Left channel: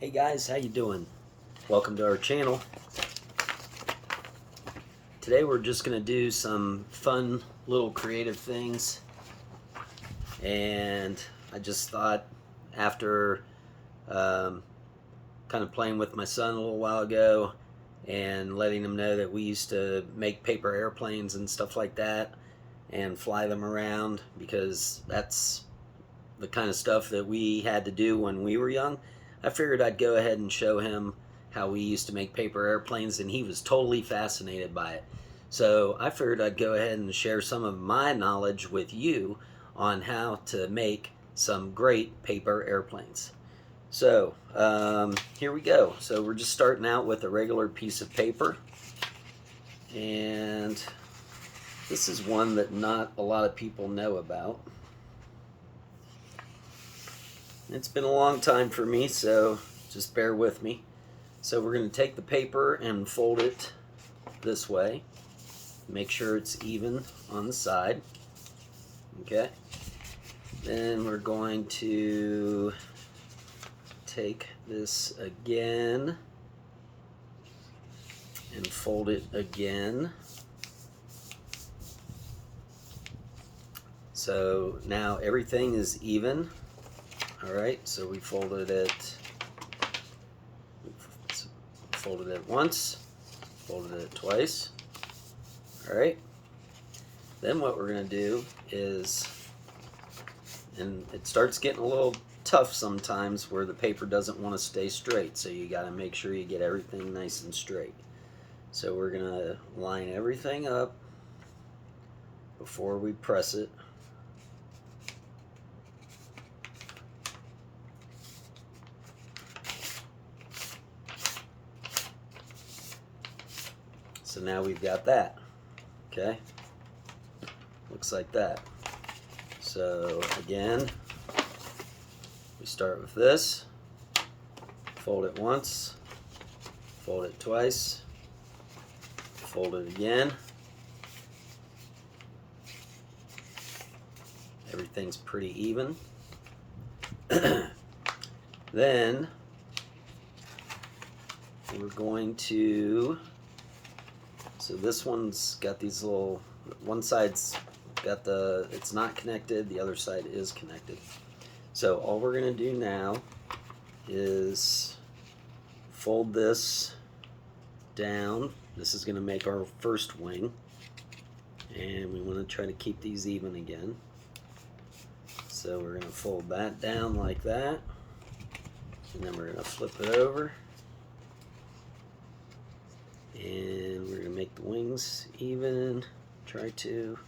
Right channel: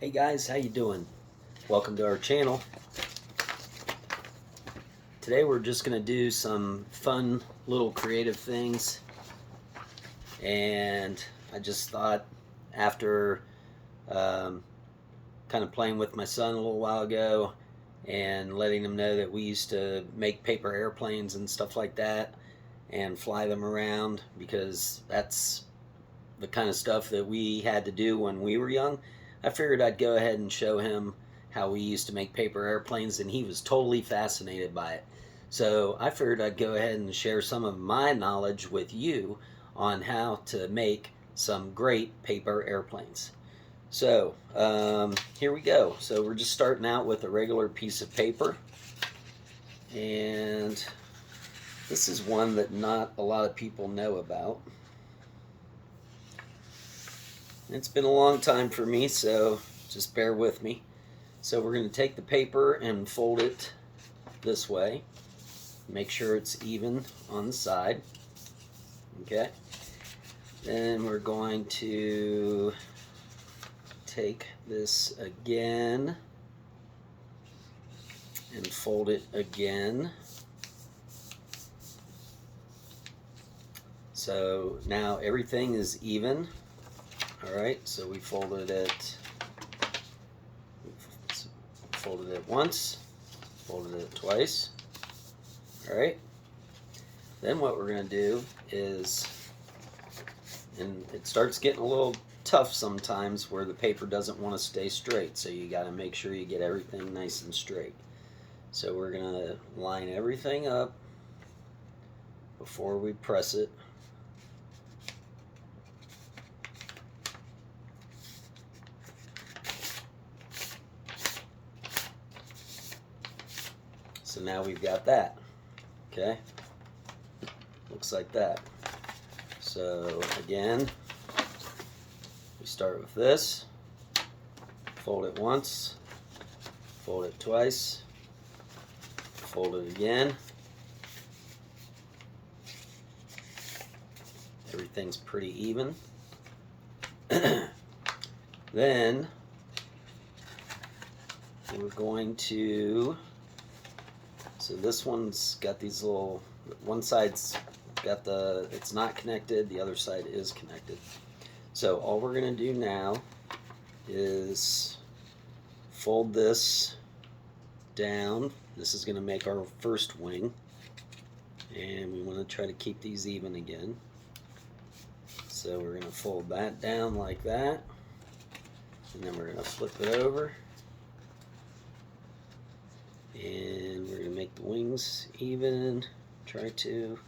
Hey guys, how you doing? Welcome to our channel. Today we're just going to do some fun little creative things, and I just thought after kind of playing with my son a little while ago and letting him know that we used to make paper airplanes and stuff like that and fly them around, because that's the kind of stuff that we had to do when we were young. I figured I'd go ahead and show him how we used to make paper airplanes, and he was totally fascinated by it. So I figured I'd go ahead and share some of my knowledge with you on how to make some great paper airplanes. So here we go. So we're just starting out with a regular piece of paper, and this is one that not a lot of people know about. It's been a long time for me, so just bear with me. So we're going to take the paper and fold it this way. Make sure it's even on the side. Okay. Then we're going to take this again and fold it again. So now everything is even. Alright, so we folded it once, folded it twice. Alright, then what we're going to do is, and it starts getting a little tough sometimes where the paper doesn't want to stay straight, so you got to make sure you get everything nice and straight. So we're going to line everything up before we press it. So now we've got that. Okay, looks like that. So again, we start with this, fold it once, fold it twice, fold it again. Everything's pretty even. Then we're going to, so this one's got these little, one side's got it's not connected, the other side is connected. So all we're going to do now is fold this down. This is going to make our first wing, and we want to try to keep these even again. So we're going to fold that down like that, and then we're going to flip it over, and we're going to make the wings even. Try to.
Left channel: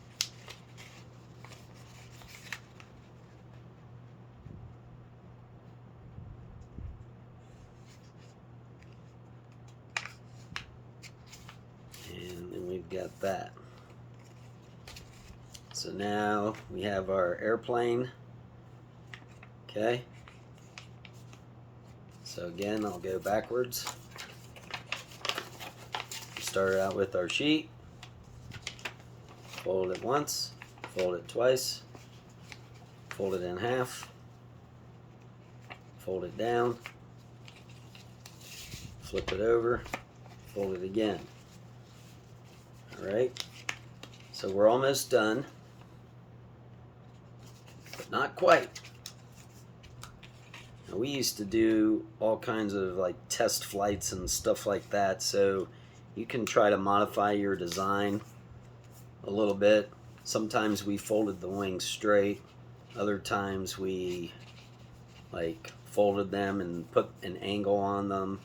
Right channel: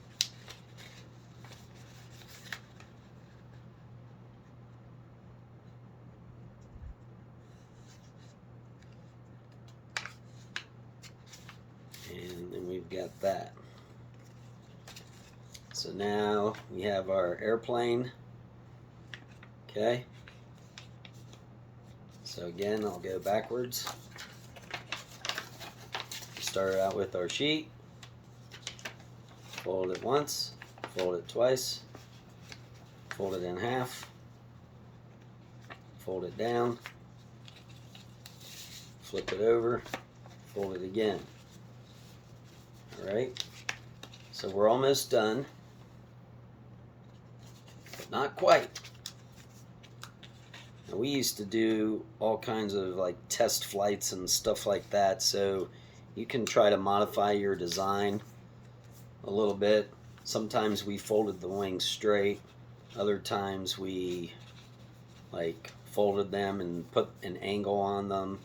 And then we've got that. So now we have our airplane. Okay. So again, I'll go backwards. Start out with our sheet, fold it once, fold it twice, fold it in half, fold it down, flip it over, fold it again. Alright, so we're almost done, but not quite. Now, we used to do all kinds of like test flights and stuff like that, so you can try to modify your design a little bit. Sometimes we folded the wings straight, other times we like folded them and put an angle on them.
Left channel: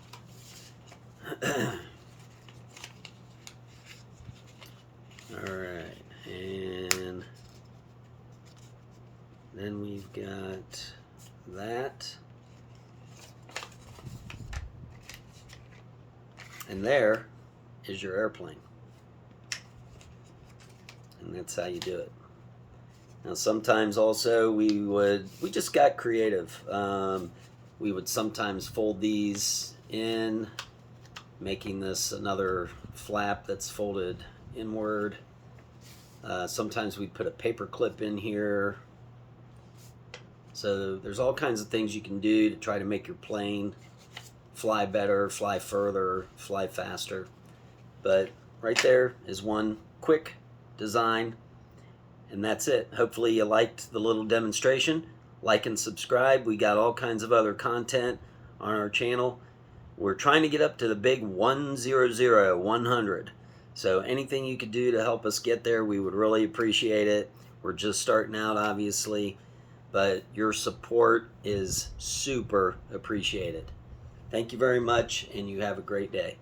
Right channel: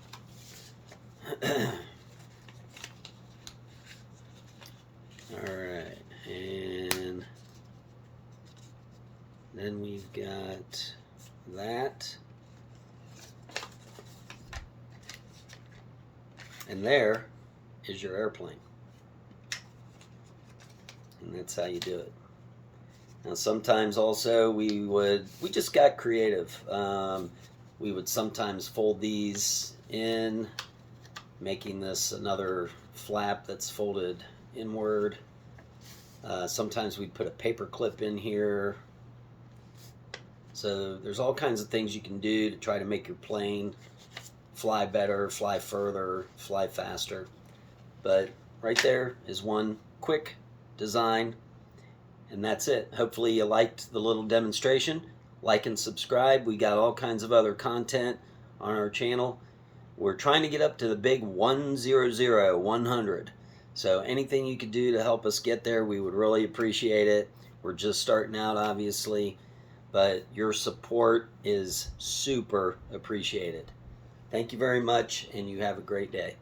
Alright, and then we've got that. And there is your airplane. And that's how you do it. Now sometimes also we just got creative. We would sometimes fold these in, making this another flap that's folded inward. Sometimes we'd put a paper clip in here. So there's all kinds of things you can do to try to make your plane fly better, fly further, fly faster. But right there is one quick design, and that's it. Hopefully you liked the little demonstration. Like and subscribe. We got all kinds of other content on our channel. We're trying to get up to the big 100. So anything you could do to help us get there, we would really appreciate it. We're just starting out, obviously, but your support is super appreciated. Thank you very much, and you have a great day.